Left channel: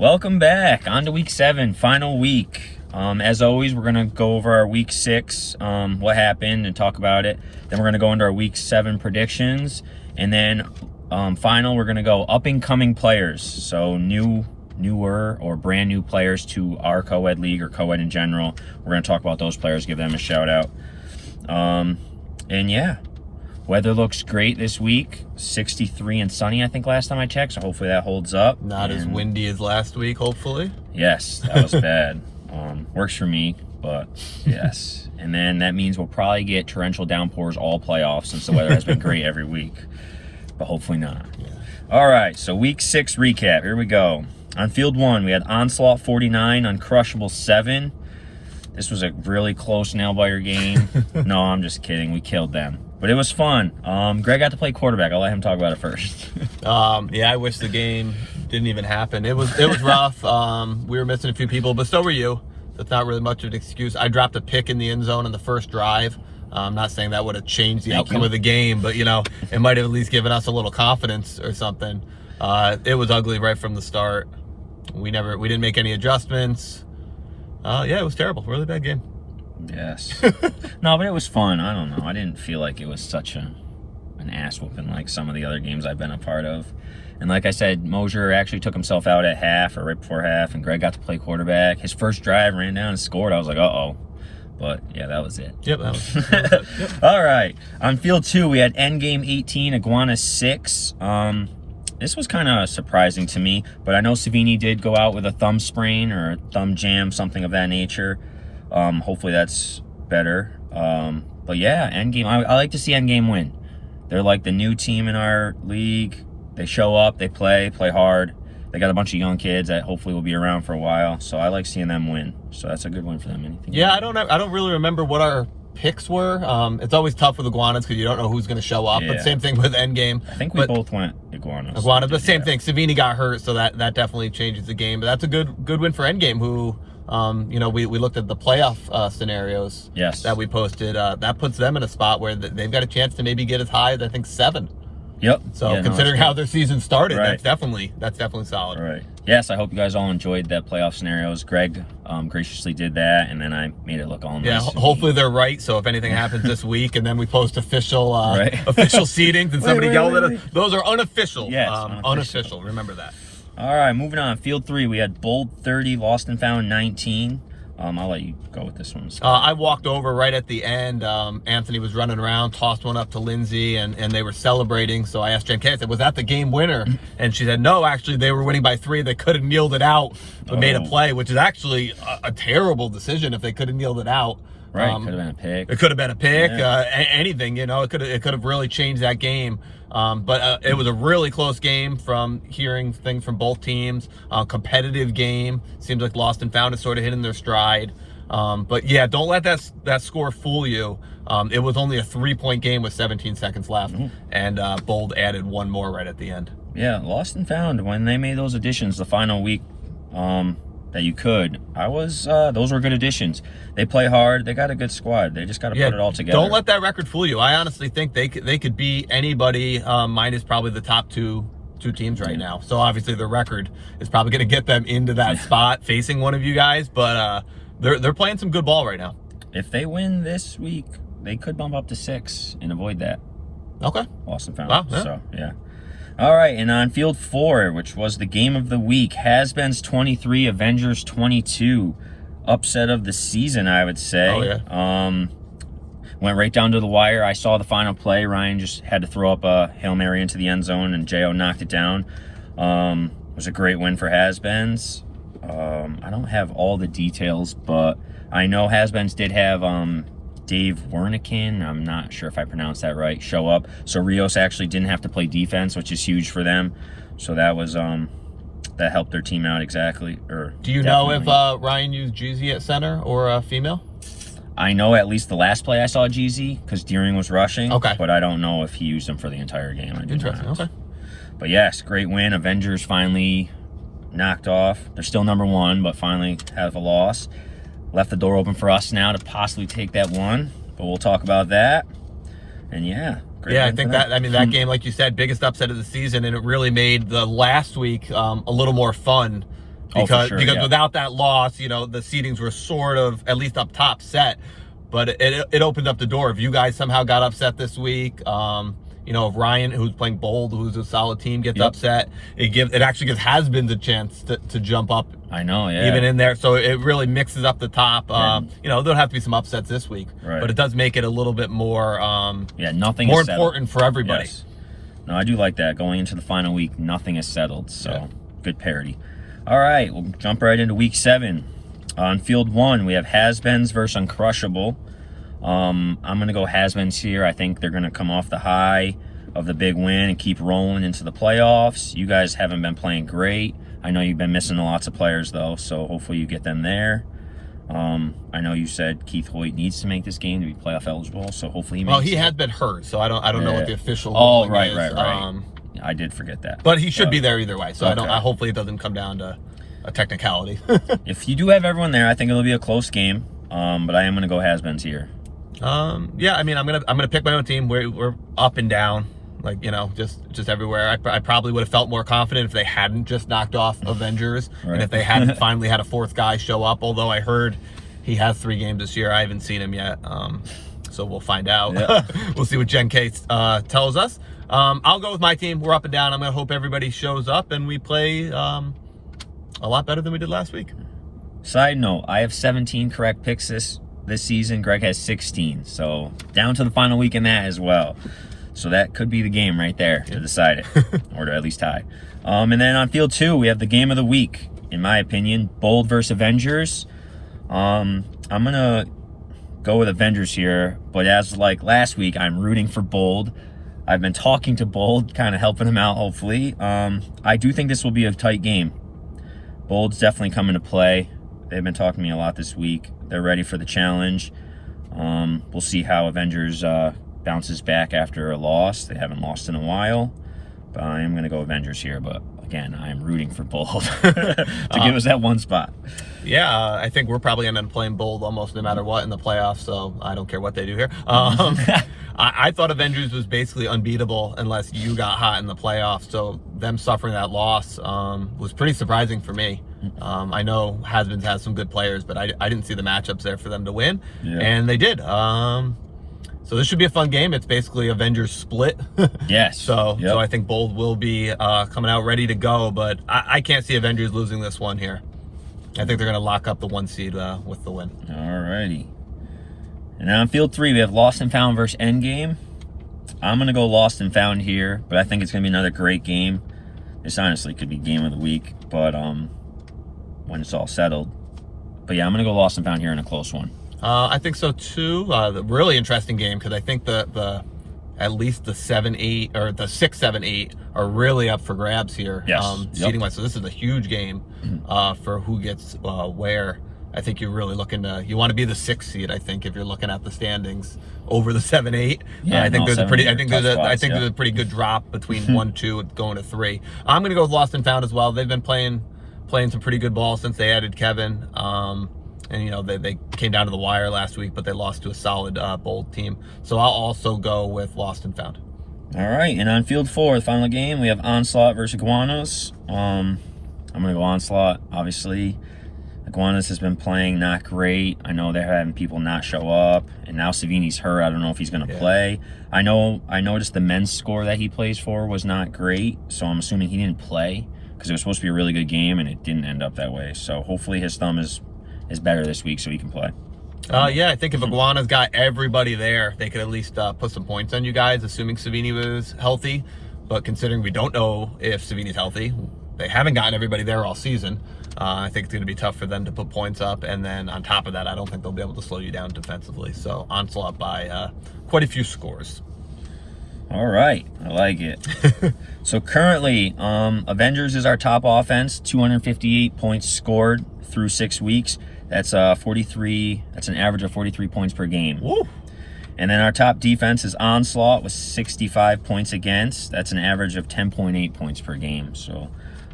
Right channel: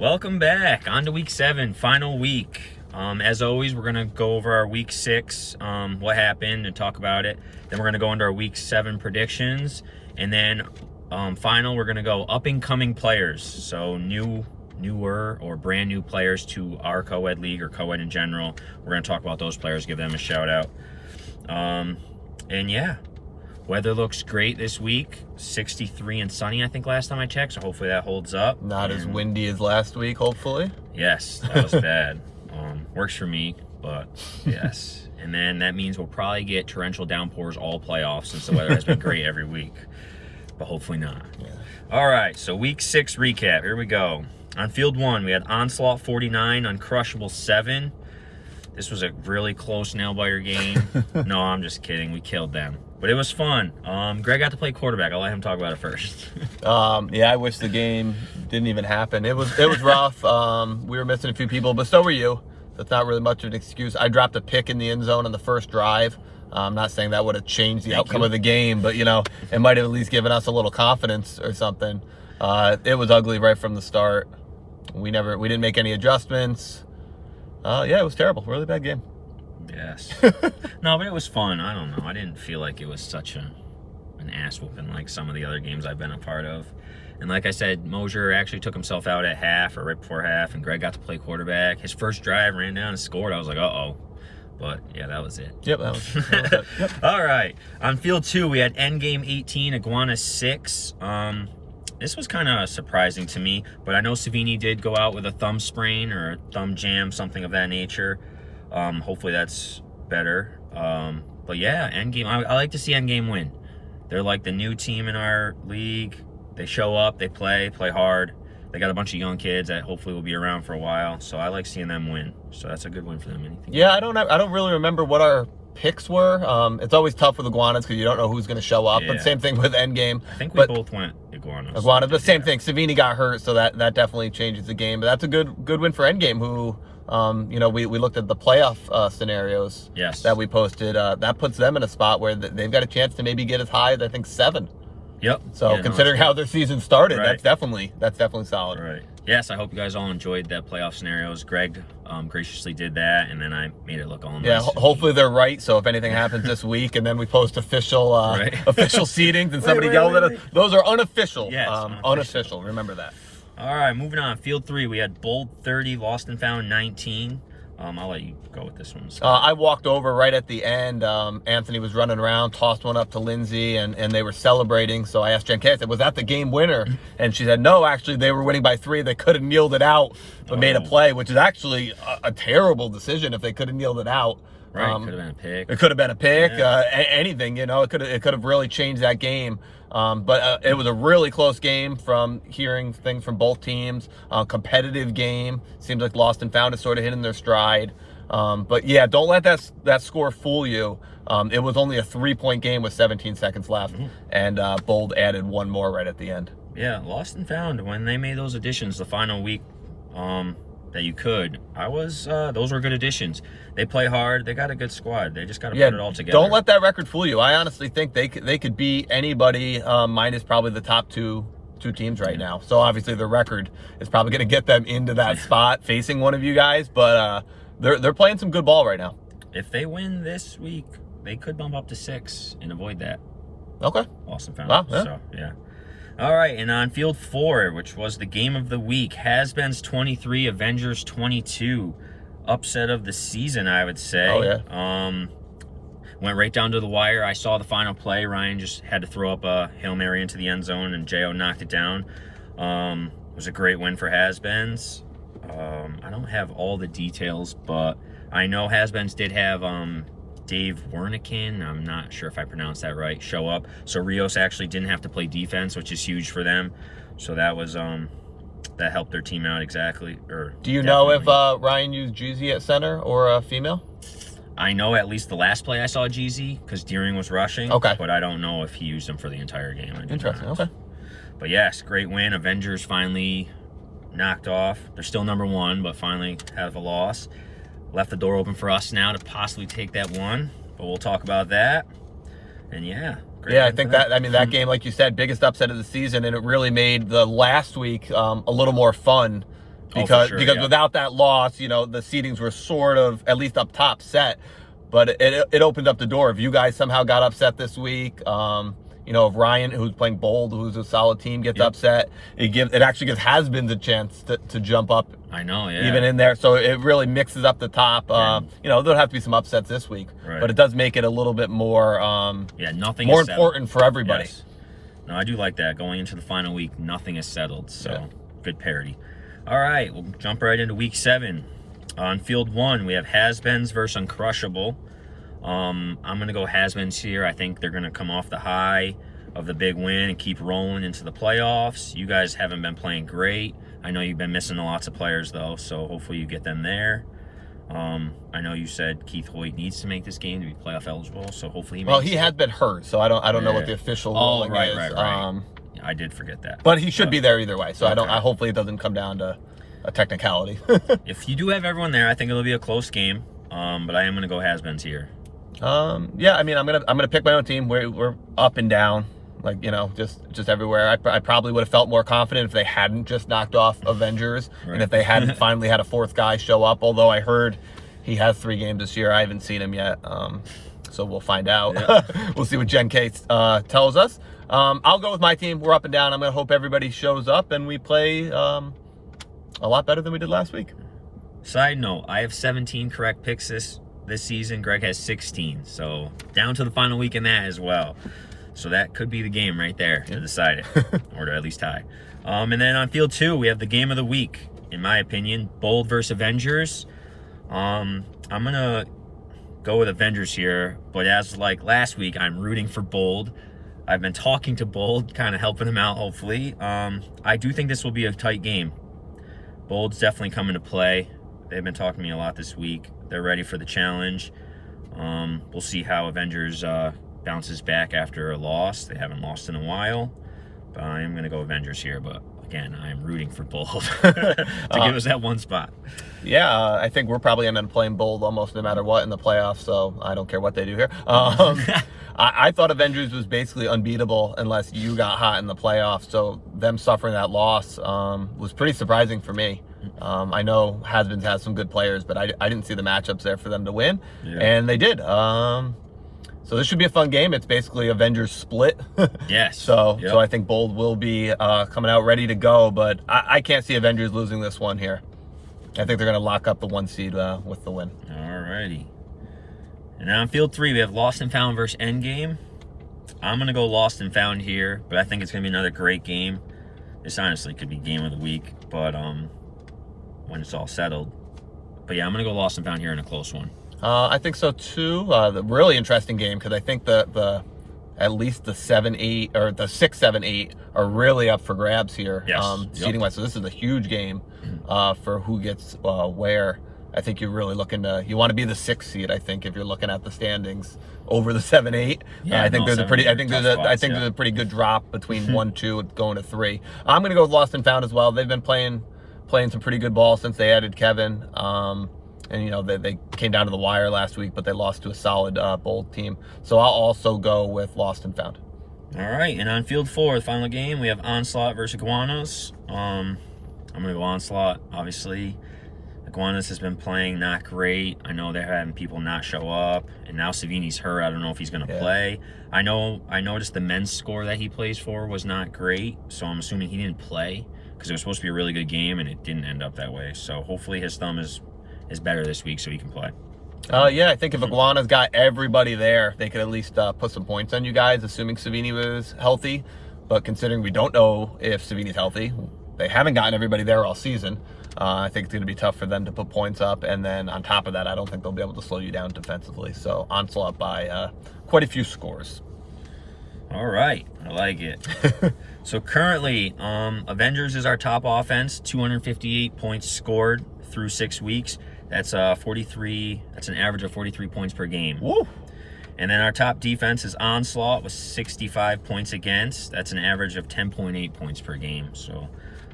Welcome back. On to week 7, final week. As always, we're going to go over our week 6, what happened, and talk about it. Then we're going to go into our week 7 predictions. And then final, we're going to go up-and-coming players. So newer or brand new players to our co-ed league or co-ed in general. We're going to talk about those players, give them a shout out. And yeah, weather looks great this week. 63 and sunny, I think, last time I checked. So hopefully that holds up. Not as windy as last week, hopefully. Yes, that was bad. Works for me, but yes. And then that means we'll probably get torrential downpours all playoffs since the weather has been great every week. But hopefully not. Yeah. All right, so week 6 recap. Here we go. On field 1, we had Onslaught 49, Uncrushable 7. This was a really close nail-biter game. No, I'm just kidding. We killed them. But it was fun. Greg got to play quarterback. I'll let him talk about it first. Yeah, I wish the game didn't even happen. It was rough. We were missing a few people, but so were you. That's not really much of an excuse. I dropped a pick in the end zone on the first drive. I'm not saying that would have changed the outcome of the game, but, it might have at least given us a little confidence or something. It was ugly right from the start. We didn't make any adjustments. Yeah, it was terrible. Really bad game. Yes. No, but it was fun. I don't know. I didn't feel like it was such an ass whooping like some of the other games I've been a part of. And like I said, Mosier actually took himself out at half or right before half, and Greg got to play quarterback. His first drive, ran down and scored. I was like, uh-oh. But yeah, that was it. Yep, that was it. Yep. All right. On field 2, we had Endgame 18, Iguana 6. This was kind of surprising to me, but I know Savini did go out with a thumb sprain or a thumb jam, something of that nature. Hopefully that's better. But yeah, Endgame, I like to see Endgame win. They're like the new team in our league. They show up, they play hard. They got a bunch of young kids that hopefully will be around for a while. So I like seeing them win. So that's a good win for them. Anything? Yeah, I don't really remember what our picks were. It's always tough with Iguanas because you don't know who's going to show up. Yeah. But same thing with Endgame. I think we both went Iguanas. But same thing. Savini got hurt, so that definitely changes the game. But that's a good win for Endgame, who, we looked at the playoff scenarios that we posted. That puts them in a spot where they've got a chance to maybe get as high as, I think, 7. Yep. So considering how their season started, that's definitely solid. Right. Yes, I hope you guys all enjoyed that playoff scenarios. Greg graciously did that, and then I made it look all nice. Yeah, hopefully they're right. So if anything happens this week, and then we post official official seedings, and somebody yelled at us, those are unofficial. Yes, unofficial. Remember that. All right, moving on. Field 3, we had Bold 30, Lost and Found 19. I'll let you go with this one. I walked over right at the end. Anthony was running around, tossed one up to Lindsay, and they were celebrating. So I asked Jen Kay, I said, was that the game winner? And she said, no, actually, they were winning by 3. They could have kneeled it out, but made a play, which is actually a terrible decision if they could have kneeled it out. Right, could have been a pick. It could have been a pick, anything, it could have really changed that game. But it was a really close game from hearing things from both teams. Competitive game. Seems like Lost and Found is sort of hitting their stride. But yeah, don't let that score fool you. It was only a 3-point game with 17 seconds left, and Bold added one more right at the end. Yeah, Lost and Found, when they made those additions the final week that you could, those were good additions. They play hard. They got a good squad. They just got to put it all together. Don't let that record fool you. I honestly think they could beat anybody minus probably the top two teams right now. So obviously the record is probably going to get them into that spot facing one of you guys. But they're playing some good ball right now. If they win this week, they could bump up to 6 and avoid that. Okay. Lost and Found. Wow, yeah. So yeah. All right, and on field 4, which was the game of the week, Has-Beens 23, Avengers 22. Upset of the season, I would say. Oh, yeah. Went right down to the wire. I saw the final play. Ryan just had to throw up a Hail Mary into the end zone, and J.O. knocked it down. It was a great win for Has-Beens. I don't have all the details, but I know Has-Beens did have Dave Wernican, I'm not sure if I pronounced that right, show up. So Rios actually didn't have to play defense, which is huge for them. So that was that helped their team out exactly. Do you know if Ryan used Jeezy at center or a female? I know at least the last play I saw Jeezy because Deering was rushing. Okay. But I don't know if he used him for the entire game. Interesting. Okay. But yes, great win. Avengers finally knocked off. They're still number 1, but finally have a loss. Left the door open for us now to possibly take that one, but we'll talk about that. And yeah. I think that game, like you said, biggest upset of the season, and it really made the last week a little more fun Oh, because for sure, yeah. without that loss, the seedings were sort of, at least up top, set. But it opened up the door. If you guys somehow got upset this week, if Ryan, who's playing Bold, who's a solid team, gets upset, it actually gives has-beens a chance to jump up. I know, yeah. Even in there, so it really mixes up the top. There'll have to be some upsets this week, right, but it does make it a little bit more, nothing more is important for everybody. Yes. No, I do like that. Going into the final week, nothing is settled, so good parity. All right, we'll jump right into week 7. On field 1, we have Has-Beens versus Uncrushable. I'm going to go Has-Beens here. I think they're going to come off the high of the big win and keep rolling into the playoffs. You guys haven't been playing great. I know you've been missing lots of players, though, so hopefully you get them there. I know you said Keith Hoyt needs to make this game to be playoff eligible, so hopefully he makes he has been hurt, so I don't know what the official ruling is. Right. I did forget that. But he should be there either way, so hopefully it doesn't come down to a technicality. If you do have everyone there, I think it'll be a close game. But I am going to go Has-Beens here. I'm gonna pick my own team. We're up and down, just everywhere. I probably would have felt more confident if they hadn't just knocked off Avengers, and if they hadn't finally had a fourth guy show up. Although I heard he has 3 games this year, I haven't seen him yet. So we'll find out. Yeah. We'll see what Jen K tells us. I'll go with my team. We're up and down. I'm gonna hope everybody shows up and we play a lot better than we did last week. Side note: I have 17 correct picks this season. Greg has 16, so down to the final week in that as well. So that could be the game right there to decide it, or to at least tie. And then on field 2, we have the game of the week, in my opinion, Bold versus Avengers. I'm gonna go with Avengers here, but as like last week, I'm rooting for Bold. I've been talking to Bold, kind of helping him out, hopefully. I do think this will be a tight game. Bold's definitely coming to play. They've been talking to me a lot this week. They're ready for the challenge. We'll see how Avengers bounces back after a loss. They haven't lost in a while. But I am going to go Avengers here. But again, I am rooting for Bold to give us that one spot. Yeah, I think we're probably going to end up playing Bold almost no matter what in the playoffs. So I don't care what they do here. I thought Avengers was basically unbeatable unless you got hot in the playoffs. So them suffering that loss was pretty surprising for me. I know Has-Beens has some good players, but I didn't see the matchups there for them to win, and they did. So this should be a fun game. It's basically Avengers split. Yes. So I think Bold will be coming out ready to go, but I can't see Avengers losing this one here. I think they're going to lock up the 1 seed with the win. All righty. And then on field 3, we have Lost and Found versus Endgame. I'm going to go Lost and Found here, but I think it's going to be another great game. This honestly could be game of the week, but when it's all settled. But yeah, I'm going to go Lost and Found here in a close one. I think so too. The really interesting game, because I think the at least the 7-8 or the 6-7-8 are really up for grabs here. Yes. Seeding wise. So this is a huge game for who gets where. I think you're really looking to, you want to be the 6th seed, I think, if you're looking at the standings over the 7-8. Yeah, I think there's a pretty good drop between 1, 2 going to 3. I'm going to go with Lost and Found as well. They've been playing some pretty good ball since they added Kevin. And they came down to the wire last week, but they lost to a solid Bold team. So I'll also go with Lost and Found. All right, and on field 4, the final game, we have Onslaught versus Iguanas. I'm going to go Onslaught, obviously. Iguanas has been playing not great. I know they're having people not show up, and now Savini's hurt. I don't know if he's going to play. I noticed the men's score that he plays for was not great, so I'm assuming he didn't play because it was supposed to be a really good game, and it didn't end up that way. So hopefully his thumb is better this week so he can play. I think if Iguana's got everybody there, they could at least put some points on you guys, assuming Savini was healthy. But considering we don't know if Savini's healthy, they haven't gotten everybody there all season. I think it's going to be tough for them to put points up. And then on top of that, I don't think they'll be able to slow you down defensively. So Onslaught by quite a few scores. All right. I like it. So currently, Avengers is our top offense, 258 points scored through 6 weeks. That's 43. That's an average of 43 points per game. Woo. And then our top defense is Onslaught with 65 points against. That's an average of 10.8 points per game. So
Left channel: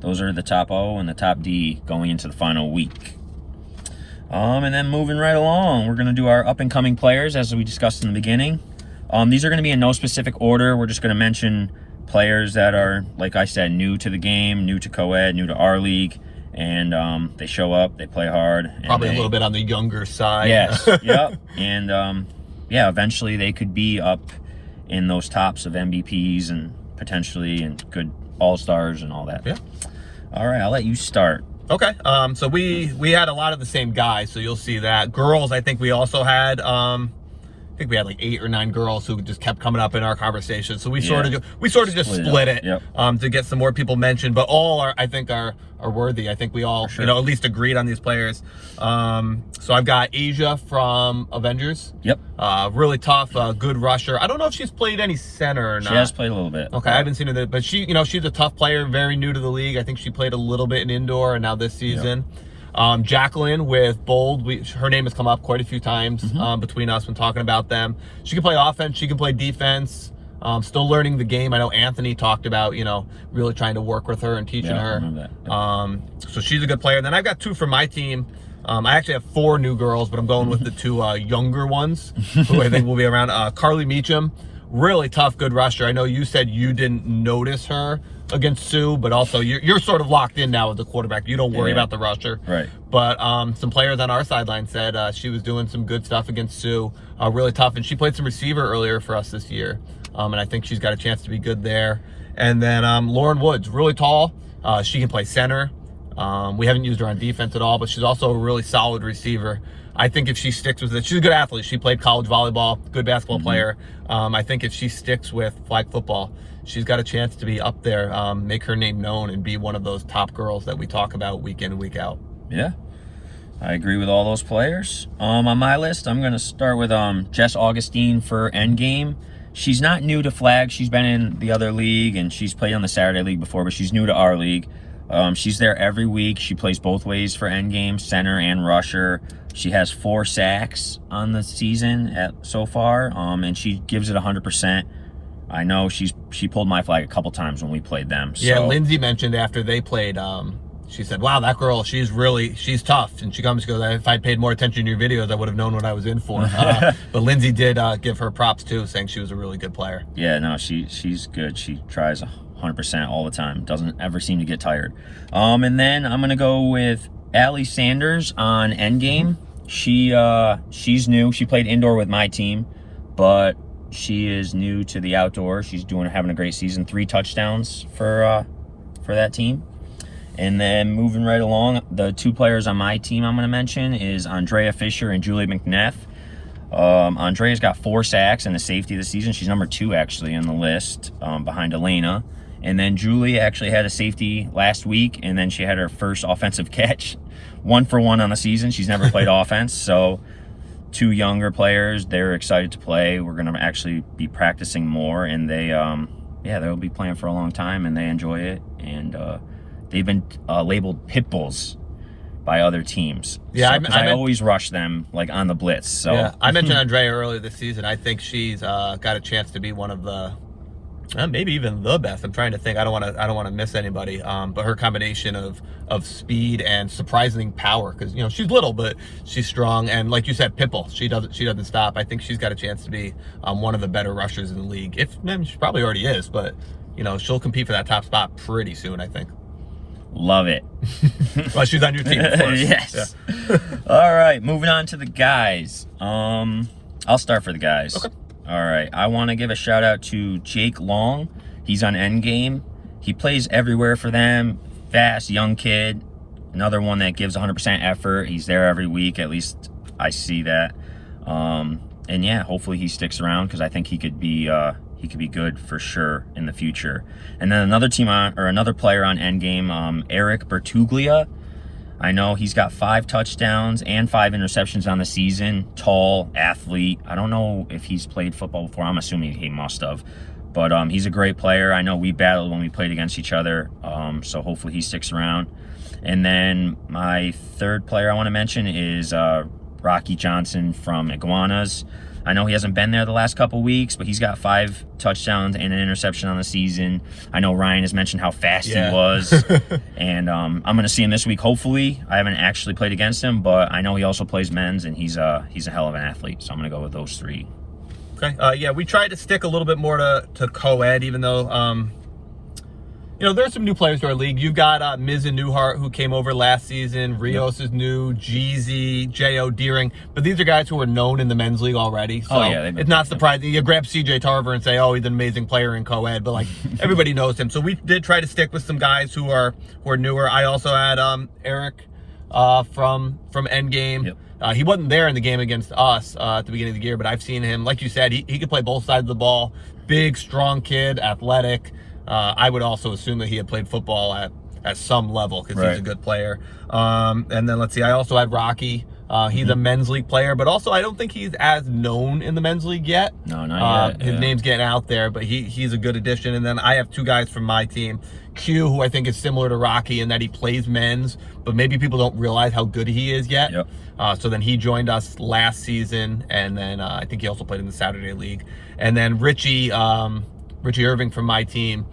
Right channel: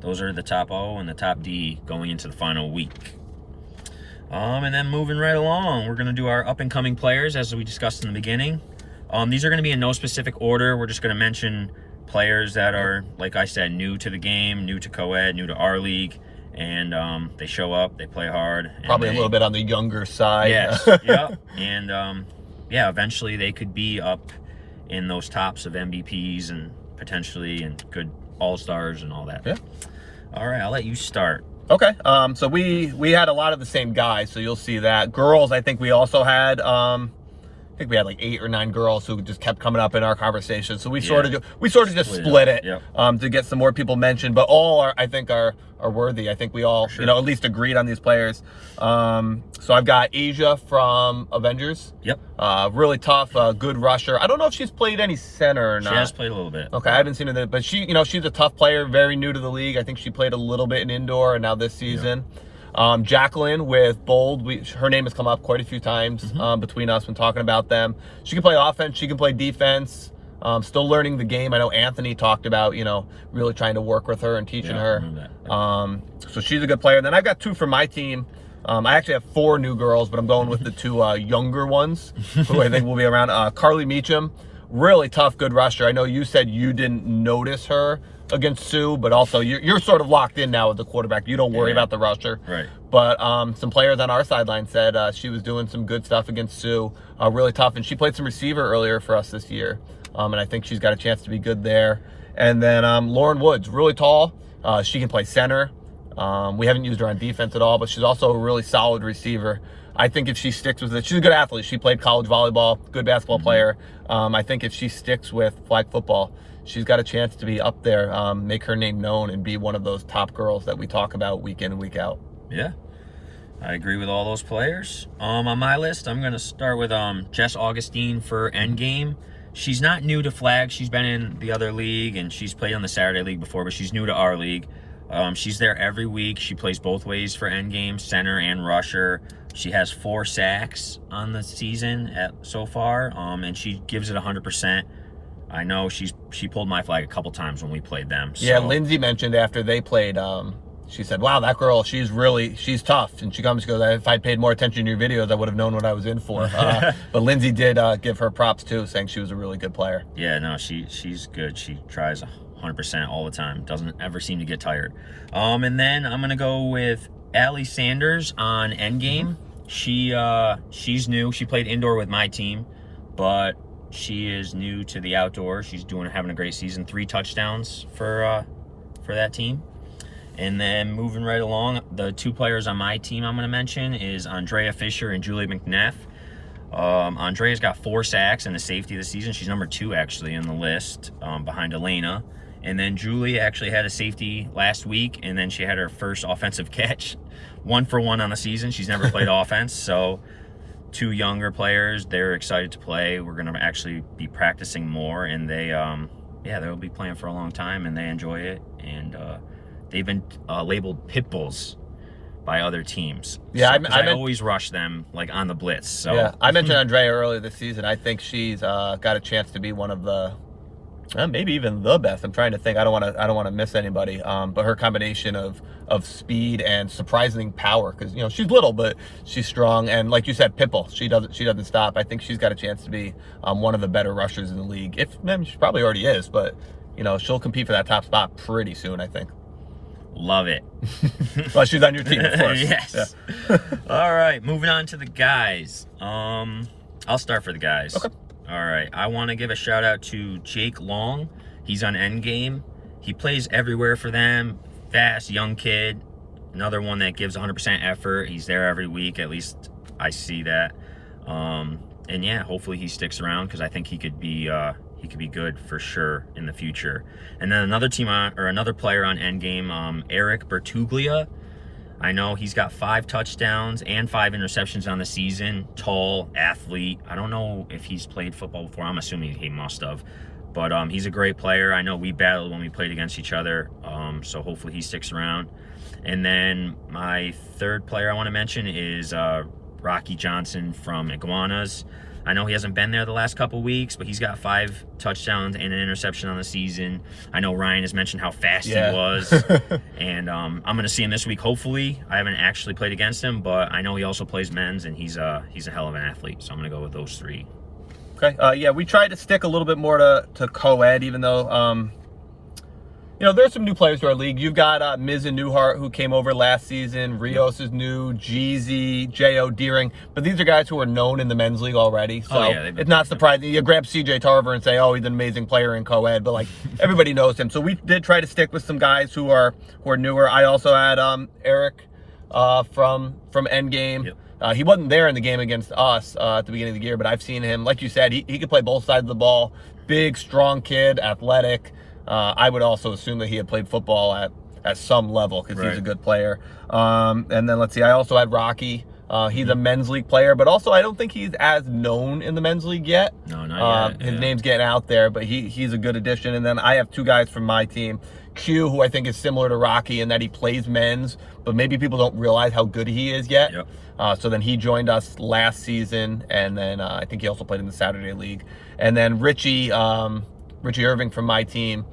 those are the top O and the top D going into the final week. And then moving right along, we're going to do our up-and-coming players as we discussed in the beginning. These are going to be in no specific order. We're just going to mention players that are, like I said, new to the game, new to co-ed, new to our league, and they show up, they play hard. And probably a little bit on the younger side. Yes, yep. And yeah, eventually they could be up in those tops of MVPs and potentially and good all-stars and all that. Yeah. All right, I'll let you start. Okay. So we had a lot of the same guys, so you'll see that. Girls, I think we also had I think we had like 8 or 9 girls who just kept coming up in our conversation. So we sort of just split it to get some more people mentioned. But all are, I think, are worthy. I think we all at least agreed on these players. So I've got Asia from Avengers. Yep. Really tough, good rusher. I don't know if she's played any center or not. She has played a little bit. Okay, I haven't seen her, but she, she's a tough player, very new to the league. I think she played a little bit in indoor and now this season. Yep. Jacqueline with Bold, her name has come up quite a few times between us when talking about them. She can play offense, she can play defense. Still learning the game. I know Anthony talked about, really trying to work with her and teaching her. So she's a good player. And then I've got 2 from my team. I actually have 4 new girls, but I'm going with the 2 younger ones who I think will be around. Carly Meacham, really tough, good rusher. I know you said you didn't notice her against Sue, but also you're sort of locked in now with the quarterback. You don't worry about the rusher. Right. But some players on our sideline said she was doing some good stuff against Sue. Really tough. And she played some receiver earlier for us this year. And I think she's got a chance to be good there. And then Lauren Woods, really tall. She can play center. We haven't used her on defense at all, but she's also a really solid receiver. I think if she sticks with it, she's a good athlete. She played college volleyball, good basketball player. I think if she sticks with flag football, she's got a chance to be up there, make her name known, and be one of those top girls that we talk about week in and week out. Yeah, I agree with all those players. On my list, I'm going to start with Jess Augustine for Endgame. She's not new to flag. She's been in the other league, and she's played on the Saturday league before, but she's new to our league. She's there every week. She plays both ways for Endgame, center and rusher. She has 4 sacks on the season so far, and she gives it 100%. I know she pulled my flag a couple times when we played them. So. Yeah, Lindsay mentioned after they played, she said, wow, that girl, she's tough. And she goes, if I'd paid more attention to your videos, I would have known what I was in for. But Lindsay did give her props too, saying she was a really good player. Yeah, no, she's good. She tries 100% all the time. Doesn't ever seem to get tired. And then I'm going to go with Allie Sanders on Endgame. She's new. She played indoor with my team, but she is new to the outdoor. She's having a great season. 3 touchdowns for that team. And then moving right along, the 2 players on my team I'm going to mention is Andrea Fisher and Julie McNeff. Andrea's got 4 sacks and a safety this season. She's number 2 actually in the list, behind Elena. And then Julie actually had a safety last week, and then she had her first offensive catch, 1 for 1 on the season. She's never played offense, so 2 younger players. They're excited to play. We're going to actually be practicing more, and they'll be playing for a long time, and they enjoy it. And they've been labeled pit bulls by other teams. Yeah, so, I always rush them like on the blitz. So yeah, I mentioned Andrea earlier this season. I think she's got a chance to be one of the, maybe even the best. I'm trying to think. I don't want to miss anybody. But her combination of speed and surprising power, because she's little but she's strong, and like you said, pitbull. She doesn't stop. I think she's got a chance to be one of the better rushers in the league. She probably already is, but she'll compete for that top spot pretty soon, I think. Love it. Well, she's on your team, of course. Yes. Yeah. All right, moving on to the guys. I'll start for the guys. Okay. All right, I want to give a shout out to Jake Long. He's on Endgame. He plays everywhere for them. Fast, young kid. Another one that gives 100% effort. He's there every week. At least I see that. And yeah, hopefully he sticks around, because I think he could be good for sure in the future. And then another player on Endgame, Eric Bertuglia. I know he's got 5 touchdowns and 5 interceptions on the season. Tall, athlete. I don't know if he's played football before. I'm assuming he must have. But he's a great player. I know we battled when we played against each other. So hopefully he sticks around. And then my 3rd player I want to mention is Rocky Johnson from Iguanas. I know he hasn't been there the last couple weeks, but he's got 5 touchdowns and an interception on the season. I know Ryan has mentioned how fast he was. And I'm going to see him this week, hopefully. I haven't actually played against him, but I know he also plays men's, and he's a hell of an athlete. So I'm going to go with those 3. Okay. Yeah, we tried to stick a little bit more to co-ed, even though there's some new players to our league. You've got Miz and Newhart, who came over last season. Rios is new. Jeezy, J.O. Deering. But these are guys who are known in the men's league already. So it's not surprising. You grab C.J. Tarver and say, oh, he's an amazing player in co-ed. But, like, everybody knows him. So we did try to stick with some guys who are newer. I also had Eric from Endgame. Yep. He wasn't there in the game against us at the beginning of the year, but I've seen him. Like you said, he could play both sides of the ball. Big, strong kid, athletic. I would also assume that he had played football at some level because he's a good player. And then let's see, I also had Rocky. He's a men's league player, but also I don't think he's as known in the men's league yet. No, not yet. His name's getting out there, but he's a good addition. And then I have two guys from my team. Q, who I think is similar to Rocky in that he plays men's, but maybe people don't realize how good he is yet. Yep. So then he joined us last season, and then I think he also played in the Saturday League. And then Richie Irving from my team,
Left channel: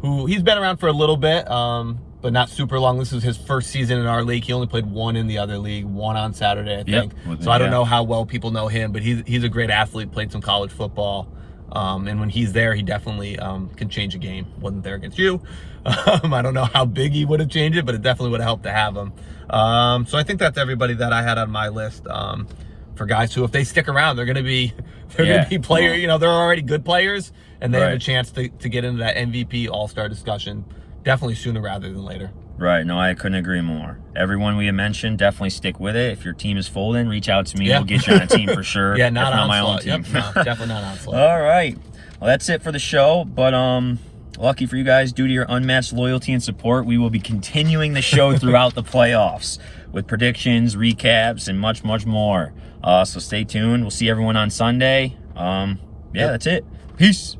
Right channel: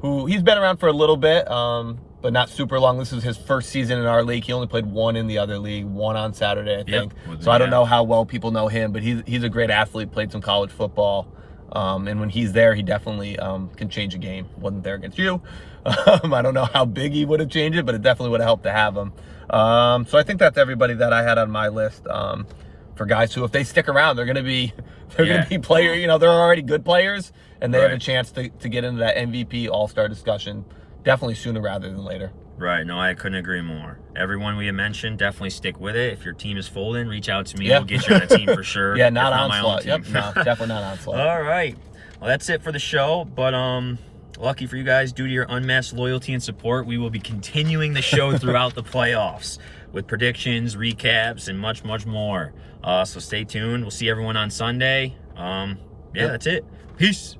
who he's been around for a little bit, but not super long. This is his first season in our league. He only played one in the other league, one on Saturday, I think. So I don't know how well people know him, but he's a great athlete, played some college football. And when he's there, he definitely can change a game. Wasn't there against you. I don't know how big he would have changed it, but it definitely would have helped to have him. So I think that's everybody that I had on my list for guys who, if they stick around, they're going to be players. They're already good players, and they have a chance to get into that MVP All-Star discussion definitely sooner rather than later. Right. No, I couldn't agree more. Everyone we have mentioned, definitely stick with it. If your team is folding, reach out to me. We'll get you on a team for sure. Yeah, not on my own team. Yep, no, definitely not on slot. All right. Well, that's it for the show. But lucky for you guys, due to your unmatched loyalty and support, we will be continuing the show throughout the playoffs with predictions, recaps, and much, much more. So stay tuned. We'll see everyone on Sunday. That's it. Peace.